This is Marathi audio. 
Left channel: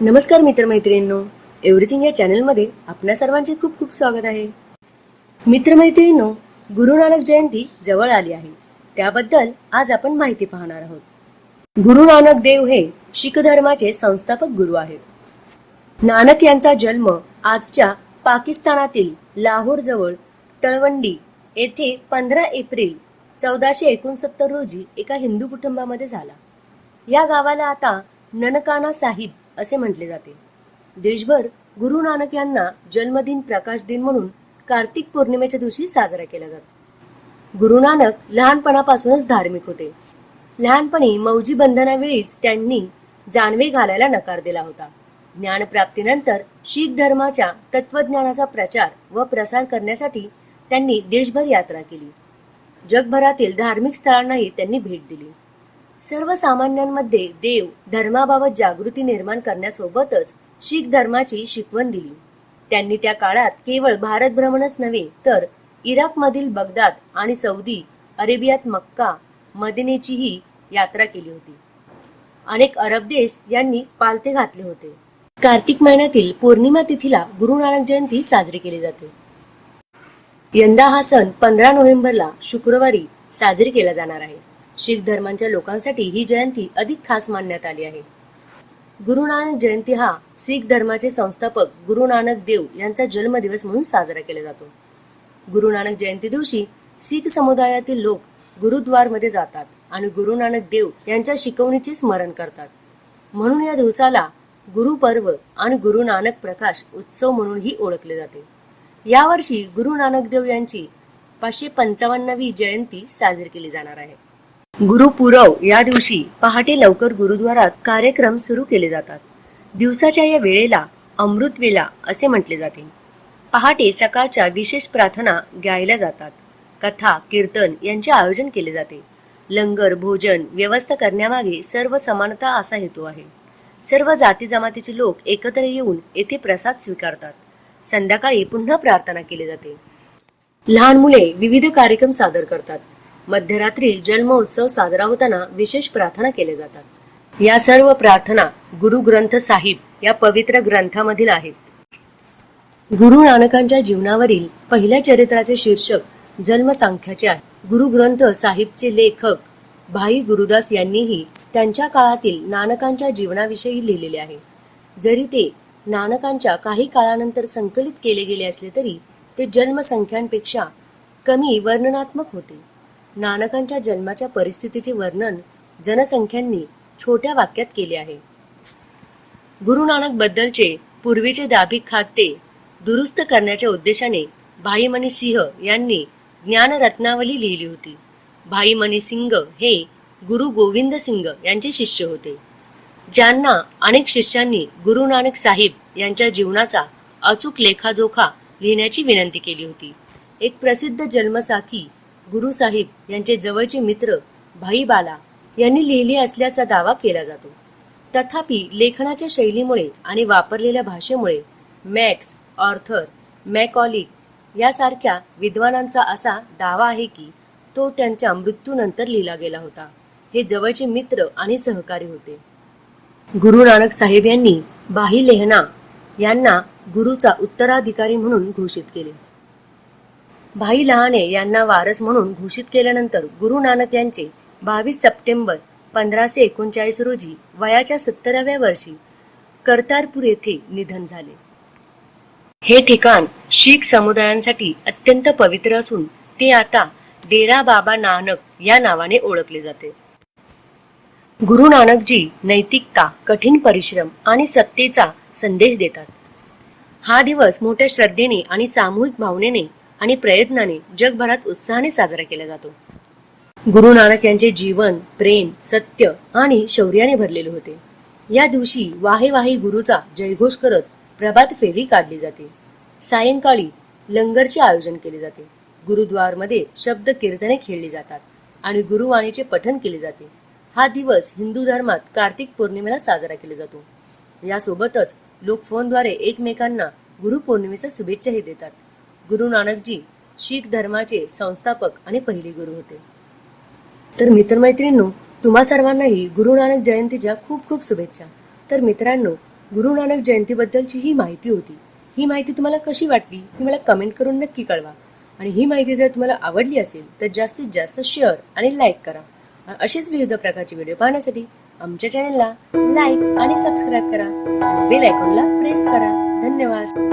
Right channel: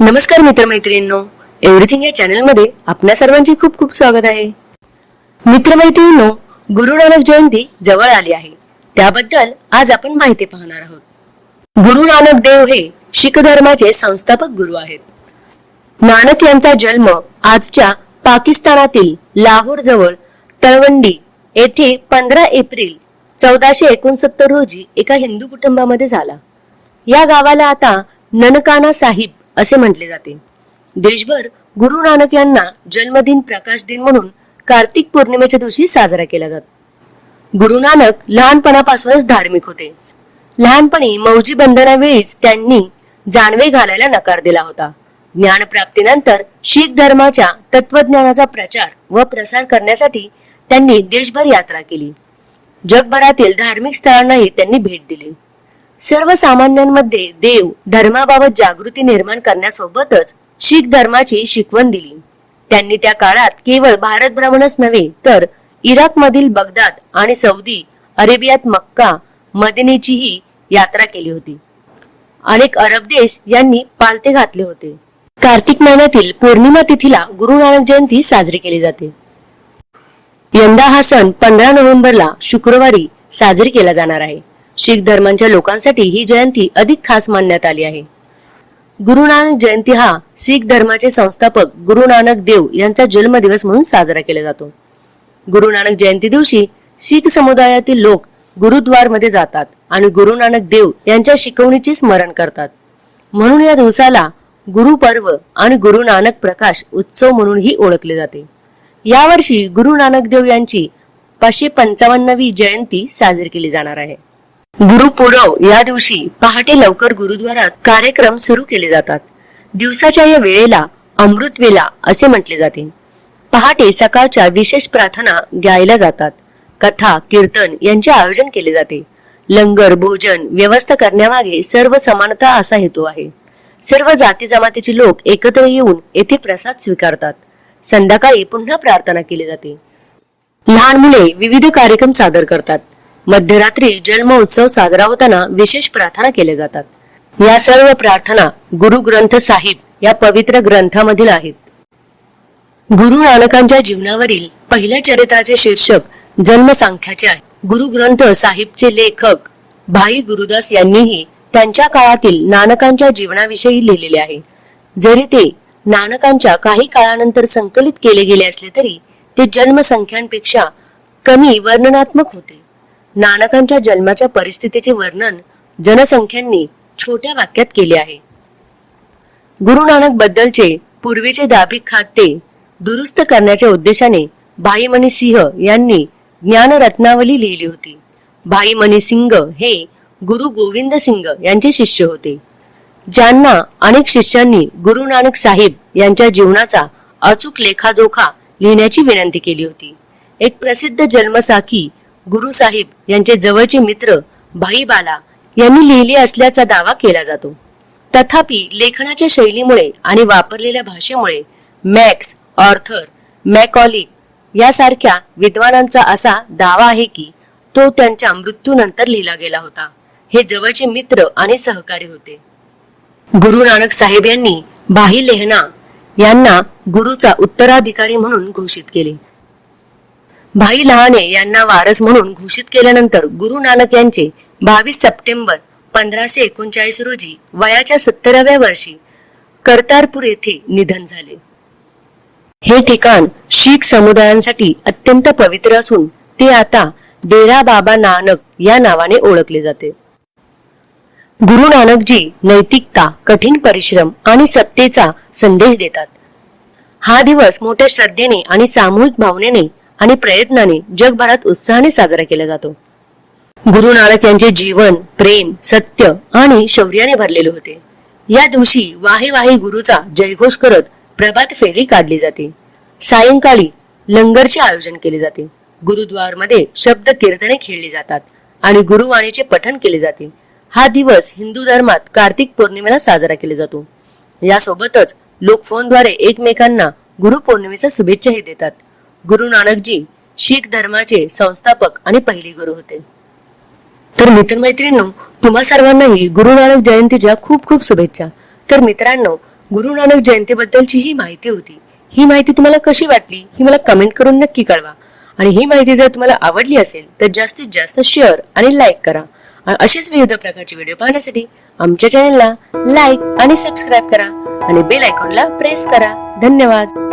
नमस्कार मित्रमैत्रिणींनो. एव्हरीथिंग या चॅनलमध्ये आपल्या सर्वांचे खूप खूप स्वागत आहे. मित्रमैत्रिणींनो गुरु नानक जयंती जवळ आली आहे. त्याबद्दल आज आपण माहिती पाहणार आहोत. गुरु नानक देव हे शीख धर्माचे संस्थापक गुरु आहेत. नानक यांचा जन्म आजच्या पाकिस्तानातील लाहोर जवळ तळवंडी येथे पंधरा एप्रिल चौदाशे एकोणसत्तर रोजी एका हिंदू कुटुंबामध्ये झाला. या गावाला आता ननकाना साहिब असे म्हटले जाते. देशभर गुरु नानक यांना जन्मदिन प्रकाश दिन म्हणून कार्तिक पौर्णिमेच्या दिवशी साजरा केला जातो. गुरु नानक लहानपणापासूनच धार्मिक होते. लहानपणी मौजी बंधनावेळीच त्यांनी जानवे घालायला नकार दिला होता. ज्ञान प्राप्तीनंतर शीख धर्माच्या तत्वज्ञानाचा प्रचार व प्रसार करण्यासाठी त्यांनी देशभर यात्रा केली. जगभरातील धार्मिक स्थळांनाही त्यांनी भेट दिली. सर्वसामान्यांमध्ये देव धर्माबाबत जागृती निर्माण करण्यासोबतच शीख धर्माची शिकवण दिली. त्यांनी त्या काळात केवळ भारत भ्रमणच नव्हे तर इराक मधील बगदाद आणि सौदी अरेबियात मक्का मदिनेचीही यात्रा केली होती. अनेक अरब देश यांनी पालथे घातले होते. कार्तिक महिन्यातील पौर्णिमा तिथीला गुरु नानक जयंती साजरी केली जाते. यंदा हा सण पंधरा नोव्हेंबरला शुक्रवारी साजरी केला जाणार आहे. शीख धर्मांच्या लोकांसाठी ही जयंती अधिक खास मानण्यात आली आहे. गुरु नानक जयंती हा शीख धर्माचे संस्थापक गुरु नानक देव यांचा जन्मदिवस म्हणून साजरा केला जातो. गुरु नानक जयंती दिवशी शीख समुदायातील लोक गुरुद्वारमध्ये जातात आणि गुरु नानक देव यांच्या शिकवणीचे स्मरण करतात. म्हणून या दिवसाला गुरु पर्व आणि गुरु नानक प्रकाश उत्सव म्हणूनही ओळखले जाते. यावर्षी गुरु नानक देव यांची पाचशे पंचावन्नवी जयंती साजरी केली जाणार आहे. गुरुपुरव या दिवशी पहाटे लवकर गुरुद्वारात कार्यक्रम सुरू केले जातात. दिवसाच्या या वेळेला अमृत वेला असे म्हटले जाते. पहाटे सकाळच्या विशेष प्रार्थना गायल्या जातात. कथा कीर्तन यांचे आयोजन केले जाते. लंगर भोजन व्यवस्था करण्यामागे सर्व समानता असा हेतू आहे. सर्व जाती जमातीचे लोक एकत्र येऊन येथे प्रसाद स्वीकारतात. संध्याकाळी पुन्हा प्रार्थना केली जाते. लहान मुले विविध कार्यक्रम सादर करतात. मध्यरात्री जन्म उत्सव साजरा होताना विशेष प्रार्थना केल्या जातात. या सर्व प्रार्थना गुरु ग्रंथ साहिब या पवित्र ग्रंथामधील आहेत. गुरु नानकांच्या जीवनावरील पहिल्या चरित्राचे शीर्षक जन्मसंख्याचे आहे. गुरु ग्रंथ साहिबचे लेखक भाई गुरुदास यांनीही त्यांच्या काळातील नानकांच्या जीवनाविषयी लिहिलेले आहे. जरी ते नानकांच्या काही काळानंतर संकलित केले गेले असले तरी ते जन्मसंख्यांपेक्षा कमी वर्णनात्मक होते. नानकांच्या जन्माच्या परिस्थितीचे वर्णन जनसंख्यांनी छोट्या वाक्यात केले आहे. गुरु नानक बद्दलचे पूर्वीचे दाभिक खाते दुरुस्त करण्याच्या उद्देशाने भाईमणी सिंह यांनी ज्ञानरत्नावली लिहिली होती. भाईमणी सिंग हे गुरु गोविंद सिंग यांचे शिष्य होते. ज्यांना अनेक शिष्यांनी गुरु नानक साहेब यांच्या जीवनाचा अचूक लेखाजोखा लिहिण्याची विनंती केली होती. एक प्रसिद्ध जन्मसाखी गुरु साहिब यांचे जवळचे मित्र भाई बाला यांनी लिहिली असल्याचा दावा केला जातो. तथापि लेखनाच्या शैलीमुळे आणि वापरलेल्या भाषेमुळे मॅक्स ऑर्थर मॅकॉली यासारख्या विद्वानांचा असा दावा आहे की तो त्यांच्या मृत्यूनंतर लिहिला गेला होता. हे जवळचे मित्र आणि सहकारी होते. गुरु नानक साहेब यांनी भाई लेहना यांना गुरुचा उत्तराधिकारी म्हणून घोषित केले. भाई लहाने यांना वारस म्हणून घोषित केल्यानंतर गुरु नानक यांचे बावीस सप्टेंबर पंधराशे एकोणचाळीस रोजी वयाच्या सत्तराव्या वर्षी कर्तारपूर येथे निधन झाले. हे ठिकाण शीख समुदायांसाठी अत्यंत पवित्र असून ते आता डेरा बाबा नानक या नावाने ओळखले जाते. गुरु नानकजी नैतिकता कठीण परिश्रम आणि सत्तेचा संदेश देतात. हा दिवस मोठ्या श्रद्धेने आणि सामूहिक भावनेने आणि प्रयत्नाने जगभरात उत्साहाने साजरा केला जातो. गुरु नानक यांचे जीवन प्रेम सत्य आणि शौर्याने भरलेले होते. या दिवशी वाहे वाहे गुरुचा जयघोष करत प्रभात फेरी काढली जाते. सायंकाळी लंगरचे आयोजन केले जाते. गुरुद्वारमध्ये शब्द कीर्तने खेळली जातात आणि गुरुवाणीचे पठण केले जाते. हा दिवस हिंदू धर्मात कार्तिक पौर्णिमेला साजरा केला जातो. यासोबतच लोक फोनद्वारे एकमेकांना गुरु पौर्णिमेच्या शुभेच्छाही देतात. गुरु नानकजी शीख धर्माचे संस्थापक आणि पहिले गुरु होते. तर मित्रमैत्रिणींनो तुम्हा सर्वांनाही गुरु नानक जयंतीच्या खूप खूप शुभेच्छा. तर मित्रांनो गुरु नानक जयंतीबद्दलची ही माहिती होती. ही माहिती तुम्हाला कशी वाटली ही मला कमेंट करून नक्की कळवा. आणि ही माहिती जर तुम्हाला आवडली असेल तर जास्तीत जास्त शेअर आणि लाईक करा. अशीच विविध प्रकारचे व्हिडिओ पाहण्यासाठी आमच्या चॅनलला लाईक आणि सबस्क्राईब करा. आणि बेल आयकॉनला प्रेस करा. धन्यवाद.